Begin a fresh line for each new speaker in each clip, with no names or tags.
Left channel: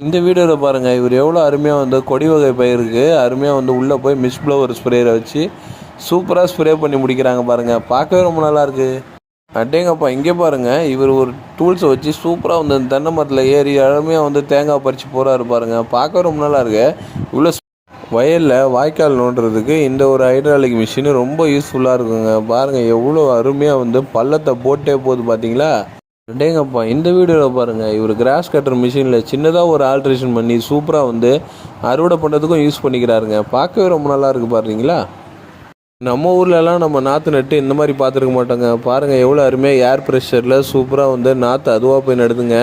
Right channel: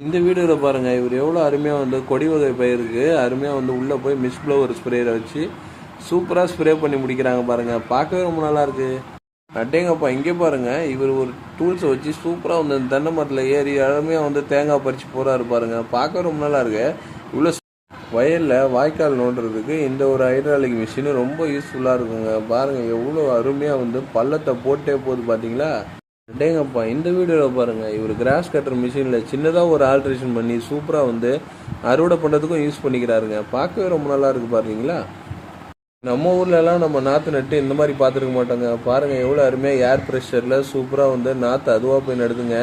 இந்த வீடியோவில் பாருங்கள் இவர் எவ்வளோ அருமையாக வந்து கொடி வகை பயிருக்கு அருமையாக வந்து உள்ளே போய் மிஸ் ப்ளவர் ஸ்ப்ரேயரை வச்சு சூப்பராக ஸ்ப்ரே பண்ணி முடிக்கிறாங்க பாருங்கள் பார்க்கவே ரொம்ப நல்லா இருக்குது அட்டேங்கப்பா இங்கே பாருங்கள் இவர் ஒரு டூல்ஸை வச்சு சூப்பராக வந்து அந்த தென்னை மரத்தில் ஏறி அருமையாக வந்து தேங்காய் பறித்து போகிறாரு பாருங்கள் பார்க்கவே ரொம்ப நல்லா இருக்கு. உள்ள வயலில் வாய்க்கால் நோண்டுறதுக்கு இந்த ஒரு ஹைட்ராலிக் மிஷின் ரொம்ப யூஸ்ஃபுல்லாக இருக்குங்க. பாருங்கள் எவ்வளோ அருமையாக வந்து பள்ளத்தை போட்டே போகுது பார்த்தீங்களா டேங்கப்பா இந்த வீடியோவில் பாருங்கள் இவர் கிராஸ் கட்டர் மிஷினில் சின்னதாக ஒரு ஆல்ட்ரேஷன் பண்ணி சூப்பராக வந்து அறுவடை பண்ணுறதுக்கும் யூஸ் பண்ணிக்கிறாருங்க. பார்க்கவே ரொம்ப நல்லா இருக்குது பாருங்களா நம்ம ஊர்லலாம் நம்ம நாற்று நட்டு இந்த மாதிரி பார்த்துருக்க மாட்டோங்க. பாருங்கள் எவ்வளோ அருமையாக ஏர் ப்ரெஷரில் சூப்பராக வந்து நாற்று அதுவாக போய் நடுதுங்க.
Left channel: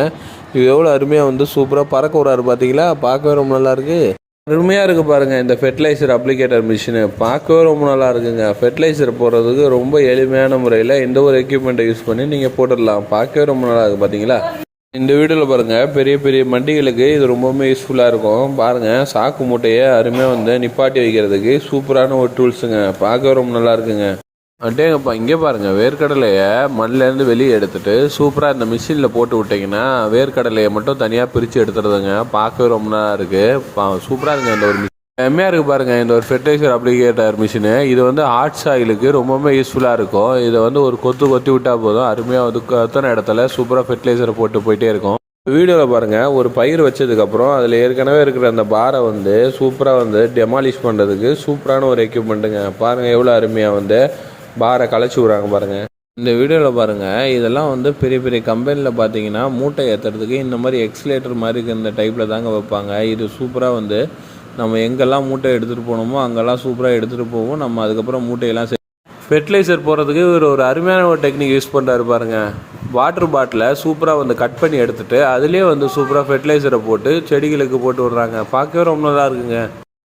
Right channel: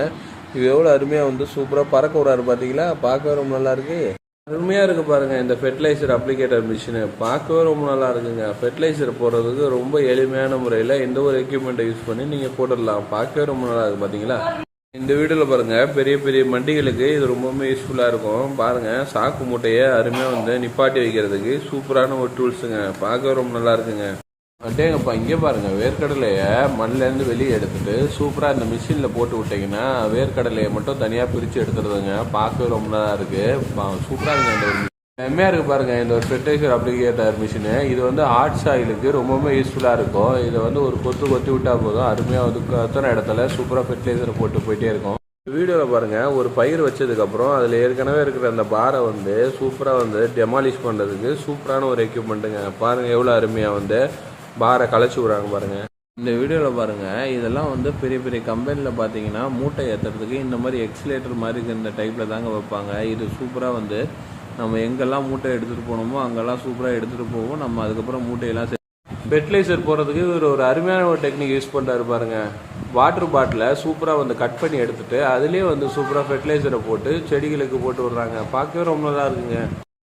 இது எவ்வளோ அருமையாக வந்து சூப்பராக பறக்க விடாரு பார்த்தீங்களா பார்க்கவே ரொம்ப நல்லாயிருக்கு அருமையாக இருக்குது பாருங்கள் இந்த ஃபெர்டிலைசர் அப்ளிகேட்டர் மிஷினு பார்க்கவே ரொம்ப நல்லா இருக்குங்க. ஃபெர்டிலைசர் போடுறதுக்கு ரொம்ப எளிமையான முறையில் எந்த ஒரு எக்யூப்மெண்ட்டை யூஸ் பண்ணி நீங்கள் போட்டுடலாம். பார்க்கவே ரொம்ப நல்லா இருக்குது பார்த்தீங்களா இந்த வீடியோவில் பாருங்கள் பெரிய பெரிய மண்டிகளுக்கு இது ரொம்பவுமே யூஸ்ஃபுல்லாக இருக்கும். பாருங்கள் சாக்கு மூட்டையை அருமையாக வந்து நிப்பாட்டி வைக்கிறதுக்கு சூப்பரான ஒரு டூல்ஸுங்க பார்க்கவே ரொம்ப நல்லா இருக்குங்க. அட்டேங்கப்பா இங்கே பாருங்கள் வேர்க்கடலையை மண்ணிலேருந்து வெளியே எடுத்துட்டு சூப்பராக இந்த மிஷினில் போட்டு விட்டிங்கன்னா வேர்க்கடலையை மட்டும் தனியாக பிரித்து எடுத்துறதுங்க. பார்க்கவே ரொம்ப நல்லா இருக்குது சூப்பராக இருக்குங்க இந்த ஒரு செம்மையாக இருக்குது பாருங்கள் இந்த ஒரு ஃபெர்டைசர் அப்ளிகேட்டர் மிஷினு. இது வந்து ஹார்ட் சாயிலுக்கு ரொம்பவுமே யூஸ்ஃபுல்லாக இருக்கும். இதை வந்து ஒரு கொத்து கொத்தி விட்டால் போதும். அருமையாக வந்து அத்தனை இடத்துல சூப்பராக ஃபெர்டிலைசரை போட்டு போயிட்டே இருக்கும். வீடியோவில் பாருங்கள் ஒரு பயிர் வச்சதுக்கப்புறம் அதில் ஏற்கனவே இருக்கிற அந்த பாரை வந்து சூப்பராக வந்து டெமாலிஷ் பண்ணுறதுக்கு சூப்பரான ஒரு எக்யூப்மெண்ட்டுங்க பாருங்கள் எவ்வளோ அருமையாக வந்து பாரை களைச்சி விட்றாங்க பாருங்கள் இந்த வீடியோவில் பாருங்கள் இதெல்லாம் வந்து பெரிய பெரிய கம்பெனியில் பார்த்தீங்கன்னா மூட்டை ஏற்றுறதுக்கு இந்த மாதிரி எக்ஸிலேட்டர் மாதிரி இருக்க இந்த டைப்பில் தாங்க வைப்பாங்க. இது சூப்பராக வந்து நம்ம எங்கெல்லாம் மூட்டை எடுத்துகிட்டு போனோமோ அங்கெல்லாம் சூப்பராக எடுத்துகிட்டு போவோம். நம்ம அதுக்கப்புறம் மூட்டையெல்லாம் ஃபெர்டிலைசர் போடுறதுக்கு இவர் ஒரு அருமையான ஒரு டெக்னிக் யூஸ் பண்ணுறாரு பாருங்கள் வாட்டர் பாட்டிலை சூப்பராக வந்து கட் பண்ணி எடுத்துகிட்டு அதுலேயே வந்து சூப்பராக ஃபெர்டிலைசரை போட்டு செடிகளுக்கு போட்டு விட்றாங்க. பார்க்கவே ரொம்ப நல்லா இருக்குங்க.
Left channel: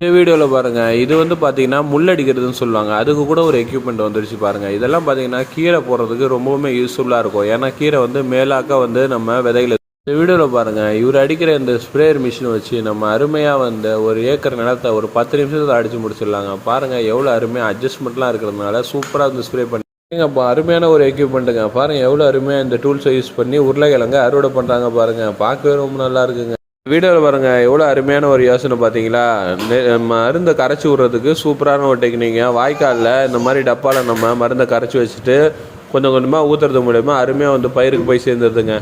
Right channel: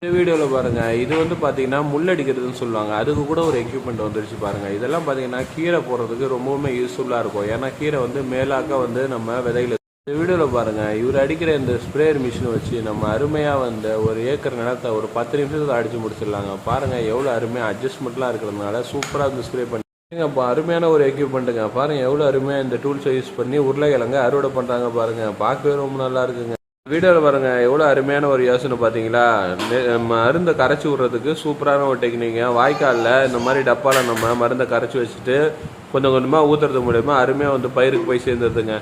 இந்த வீடியோவில் பாருங்கள் இது வந்து பார்த்தீங்கன்னா முள்ளடிக்கிறதுன்னு சொல்லுவாங்க. அதுக்கு கூட ஒரு எக்யூப்மெண்ட் வந்துருச்சு பாருங்கள் இதெல்லாம் பார்த்தீங்கன்னா கீரை போடுறதுக்கு ரொம்பவுமே யூஸ்ஃபுல்லாக இருக்கும். ஏன்னா கீரை வந்து மேலாக்க வந்து நம்ம விதைகளை இந்த வீடியோவில் பாருங்கள் இவர் அடிக்கிற இந்த ஸ்ப்ரேயர் மிஷின் வச்சு நம்ம அருமையாக வந்து ஒரு ஏக்கர் நிலத்தை ஒரு பத்து நிமிஷத்தில் அடித்து முடிச்சிடலாங்க. பாருங்கள் எவ்வளோ அருமையாக அட்ஜஸ்ட்மெண்ட்லாம் இருக்கிறதுனால சூப்பராக வந்து ஸ்ப்ரே பண்ணி அப்போ அருமையான ஒரு எக்யூப்மெண்ட்டுங்க பாருங்கள் எவ்வளோ அருமையாக இந்த டூல்ஸை யூஸ் பண்ணி உருளைக்கிழங்க அறுவடை பண்ணுறாங்க பாருங்கள் பார்க்கவே ரொம்ப நல்லா இருக்குங்க. வீடியோவில் பாருங்கள் எவ்வளோ அருமையான ஒரு யோசனை பார்த்தீங்களா நெ- மருந்தை கரைச்சி விட்றதுக்கு சூப்பரான ஒரு டெக்னிங்க வாய்க்காலில் இந்த மாதிரி டப்பாவில் நம்ம மருந்தை கரைச்சி வச்சுட்டு கொஞ்சம் கொஞ்சமாக ஊற்றுறது மூலயமா அருமையாக வந்து பயிருக்கு போய் சேர்ந்துருதுங்க.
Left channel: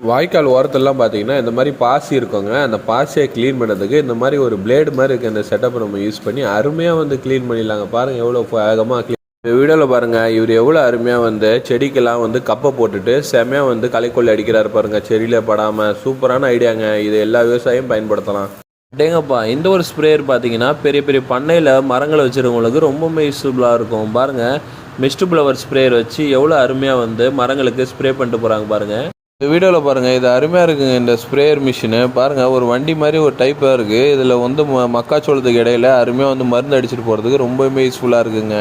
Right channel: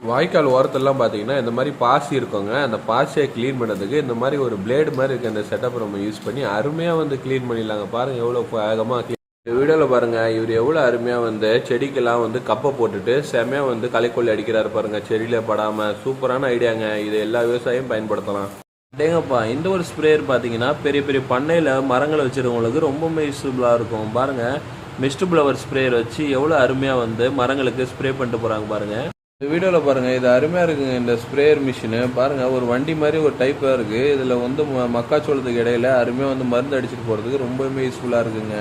வாய்க்கால் ஓரத்துலலாம் பார்த்தீங்கன்னா இந்த மாதிரி பாசி இருக்குங்க. அந்த பாசியை க்ளீன் பண்ணுறதுக்கு இந்த மாதிரி ஒரு பிளேடு மாதிரி இருக்க. இந்த செட்டப்பை நம்ம யூஸ் பண்ணி அருமையாக வந்து க்ளீன் பண்ணிடலாங்க. பாருங்கள் எவ்வளோ வேகமாக இந்த வீடியோவில் பாருங்கள் இவர் எவ்வளோ அருமையாக வந்து செடிக்கெல்லாம் வந்து கப்பை போட்டுட்டு செமையாக வந்து களைக்கொல்லி அடிக்கிறாரு பாருங்கள் செடியில் படாமல் சூப்பரான ஐடியாங்க. இது எல்லா விவசாயியும் பயன்படுத்தலாம். டேங்கப்பா இந்த ஒரு ஸ்ப்ரேயர் பார்த்தீங்கன்னா பெரிய பெரிய பண்ணையில் மரங்களை வச்சுருக்கவங்களுக்கு ரொம்பவுமே யூஸ்ஃபுல்லாக இருக்கும். பாருங்கள் மிஸ்ட் ஃப்ளவர் ஸ்ப்ரேயர் வச்சு எவ்வளோ அருமையாக வந்து மரங்களுக்கு ஸ்ப்ரே பண்ணிட்டு போகிறாங்க பாருங்கள் இந்த வீடியோவில் பாருங்கள் இது அருமையாக இருக்குங்க இந்த ஸ்ப்ரேயர் மிஷினு. பாருங்கள் ஒரு வண்டி மாதிரி ஒரு டைப்பாக இருக்குது இதில் வந்து ம- மக்காச்சோளத்துக்கு இடையில அருமையாக வந்து மருந்து அடிச்சிட்டு போகிறதுக்கு ரொம்பவுமே யூஸ்ஃபுல்லாக இருக்குங்க.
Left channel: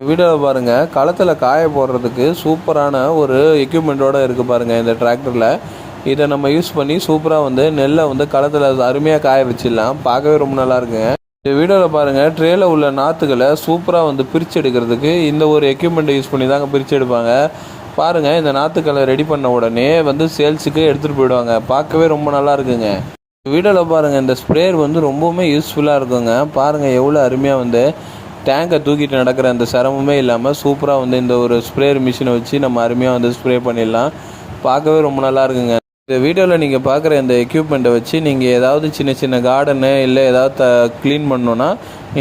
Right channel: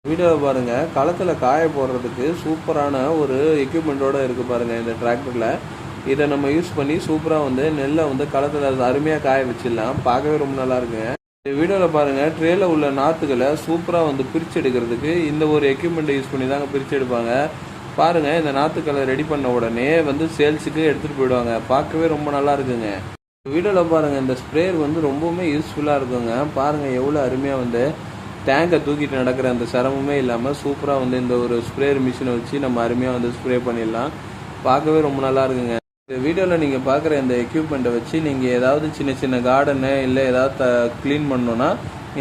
வீடியோவில் பாருங்கள் களத்தில் காய போடுறதுக்கு சூப்பரான ஒரு எக்யூப்மெண்ட்டோடு இருக்குது பாருங்கள் இந்த டிராக்டரில் இதை நம்ம யூஸ் பண்ணி சூப்பராக வந்து நெல்லை வந்து களத்தில் அருமையாக காய வச்சிடலாம். பார்க்கவே ரொம்ப நல்லா இருக்குங்க. இந்த வீடியோவில் பாருங்கள் ட்ரேல உள்ள நாற்றுகளை சூப்பராக வந்து பிரித்து எடுக்கிறதுக்கு இந்த ஒரு எக்யூப்மெண்ட்டை யூஸ் பண்ணி தாங்க பிரித்து எடுப்பாங்க. பாருங்கள் இந்த நாற்றுக்களை ரெடி பண்ண உடனே வந்து சேல்ஸுக்கு எடுத்துகிட்டு போயிடுவாங்க. பார்க்கவே ரொம்ப நல்லா இருக்குங்க. வீடியோவில் பாருங்கள் இந்த ஸ்ப்ரேயர் வந்து ரொம்பவுமே யூஸ்ஃபுல்லாக இருக்குங்க. பாருங்கள் எவ்வளோ அருமையாக வந்து டேங்கை தூக்கிட்டு நடக்கிற அந்த சிரமமே இல்லாமல் சூப்பராக வந்து இந்த ஒரு ஸ்ப்ரேயர் மிஷினை வச்சு நம்ம அருமையாக வந்து ஸ்ப்ரே பண்ணிடலாம். பார்க்கவே ரொம்ப நல்லா இருக்குங்க. இந்த வீடியோவில் நீங்கள் பார்க்குற இந்த எக்யூப்மெண்ட்டை வச்சு நீங்கள் ஏதாவது சின்ன சின்ன கார்டனு இல்லை ஏதாவது த க்ளீன் பண்ணணுன்னா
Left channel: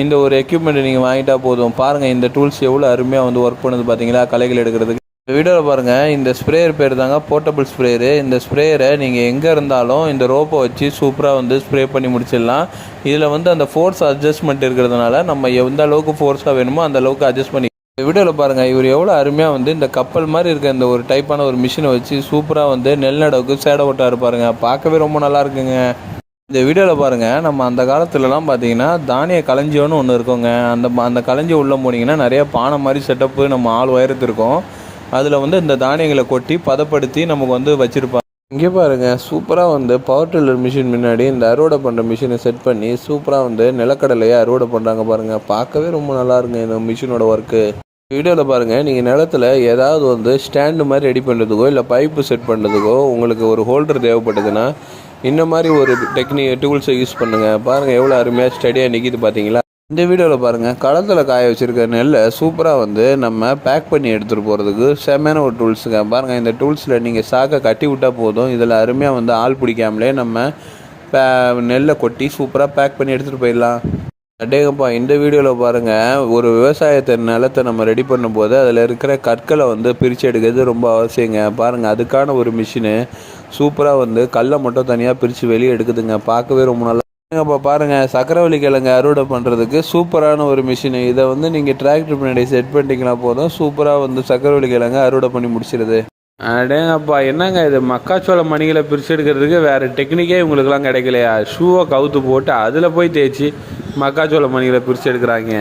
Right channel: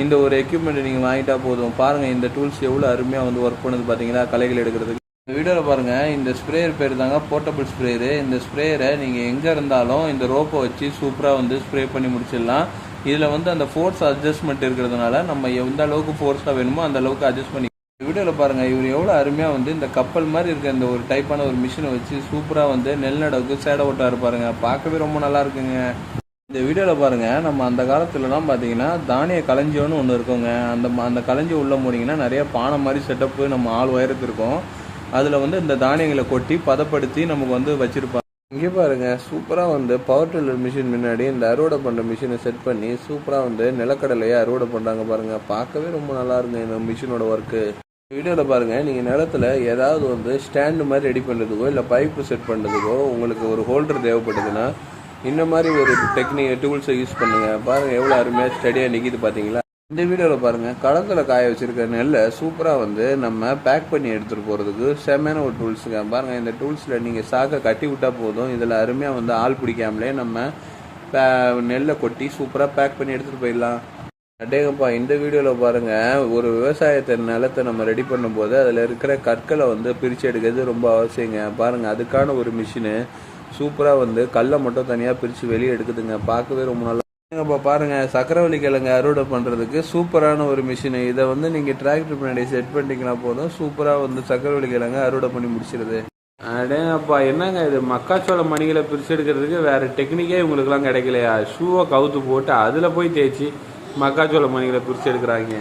இந்த ஒரு எக்யூப்மெண்ட்டை நீங்கள் வாங்கிட்டா போதும். பாருங்கள் இந்த டூல்ஸ் எவ்வளோ அருமையாக வந்து ஒர்க் பண்ணுது பார்த்தீங்களா களைகள் எடுக்கிறதுக்கு. இந்த வீடியோவில் பாருங்கள் இந்த ஸ்ப்ரேயர் பேர் தாங்க போர்ட்டபிள் ஸ்ப்ரேயரு. இந்த ஸ்ப்ரேயரை நீங்கள் எங்கே இருந்தாலும் இந்த ரோப்பை வச்சு சூப்பராக வந்து ஸ்ப்ரே பண்ணி முடிச்சிடலாம். இதில் வந்து அந்த ஃபோர்ஸ் அட்ஜஸ்ட்மெண்ட் இருக்கிறதுனால நம்ம எந்த அளவுக்கு ஃபோர்ஸாக வேணுமோ அந்த அளவுக்கு அட்ஜஸ்ட் பண்ணி இந்த வீடியோவில் பாருங்கள் இவர் எவ்வளோ அருமையாக வந்து இந்த கப்பல் மாதிரி இருக்க இந்த ஒரு டைப்பான ஒரு மிஷினை வச்சு சூப்பராக வந்து நெல் நடவுக்கு சேடை ஓட்டா இருப்பாருங்க பார்க்கவே ரொம்ப நல்லா இருக்குங்க. இந்த வீடியோவில் பாருங்கள் நம்ம அந்த காலத்துலலாம் பார்த்தீங்கன்னா தானிய களஞ்சியோன்னு ஒன்று இருக்குங்க. அந்த அந்த களஞ்சி உள்ளே போனீங்கன்னா நிறைய பானை மாதிரி செட்டப்பு நம்ம ஆள் உயரத்து இருக்கும் அதில் வந்து இந்த தானியங்களை கொட்டி பதப்படுத்தி நமக்கு வந்து வச்சுருப்பாங்க. இங்கே பாருங்க சூப்பராக வந்து பவர் டில்லர் மிஷின் முன்னாடி இந்த அறுவடை பண்ணுற மிஷினை செட் பண்ணி சூப்பராக வந்து நிலக்கடலையை அறுவடை பண்ணுறாங்க பாருங்கள் பார்க்கவே ரொம்ப நல்லா இருக்குங்க இந்த மிஷினோட ஒர்க்கு வீடியோவில் பாருங்கள் நீங்கள் நிலத்துல ஏதாவது வந்து ஸ்டாண்டு மாதிரி ரெடி பண்ணுறதுக்கோ இல்லை பைப்பு செட் பண்ணுறதுக்கோ உங்களுக்கு ஒரு ஹோல்டர் தேவைப்பட்டதுன்னா இந்த மாதிரி ஒரு டெக்னிக் டூல்ஸை யூஸ் பண்ணுங்கள் பாருங்கள் எவ்வளோ அருமையாக ஸ்டடியாக நிற்கிது பார்த்தீங்களா இந்த வீடியோவில் பாருங்கள் களத்தில் காய வச்சுருக்க நெல்லை சூப்பராக வந்து நம்ம பேக் பண்ணி எடுத்துகிட்டு போகிறதுக்கு செம்மையான ஒரு டூல்ஸுங்க பாருங்கள் இந்த டூல்ஸில் நீங்கள் சாக்கை கட்டி விட்டால் போதும். இதில் அருமையாக வந்து ஆள் பிடிக்காமலே நம்ம பே நெல்லை கொட்டி சூப்பராக பேக் பண்ணி எடுத்துகிட்டு போயிடலாம். அடேங்கப்பா இந்த வீடியோவில் பாருங்கள் ஒரு விவசாயத்தை நிலத்தை நம்ம ரெடி பண்ணும்போது அதில் இருக்கிற கற்களை வந்து பிரித்து எடுக்கிறது ரொம்ப அவசியங்க. பாருங்கள் அதுக்கான ஒரு மிஷினு சூப்பராக வந்து கல்லை மட்டும் தனியாக பிரித்து வெளியே எடுக்குதுங்க. பார்க்கவே ரொம்ப நல்லா இப்போ பாருங்கள் சக்கரவள்ளி கிழங்கு அறுவடை பண்ணுறதுக்கு சூப்பரான ஒரு மிஷினு இதை வந்து நீங்கள் டிராக்டர் பின்னாடி செட் பண்ணிட்டீங்கன்னா போதும். சூப்பராக வந்து சக்கரவள்ளி கிழங்கு அறுவடை பண்ணி முடிச்சிடுது அடேங்கப்பா என்னங்க இது? மக்காச்சோள மணிகளை பிரித்து எடுக்கிறதுக்கு வேறு டெக்னிக்கே இவங்களுக்குலாம் கிடைக்கலையா? ஷூவை கவுத்து போட்டு அதில் போய் தேய்ச்சி மக்காச்சோள மணிகளை பிரித்து எடுக்கிறாங்க.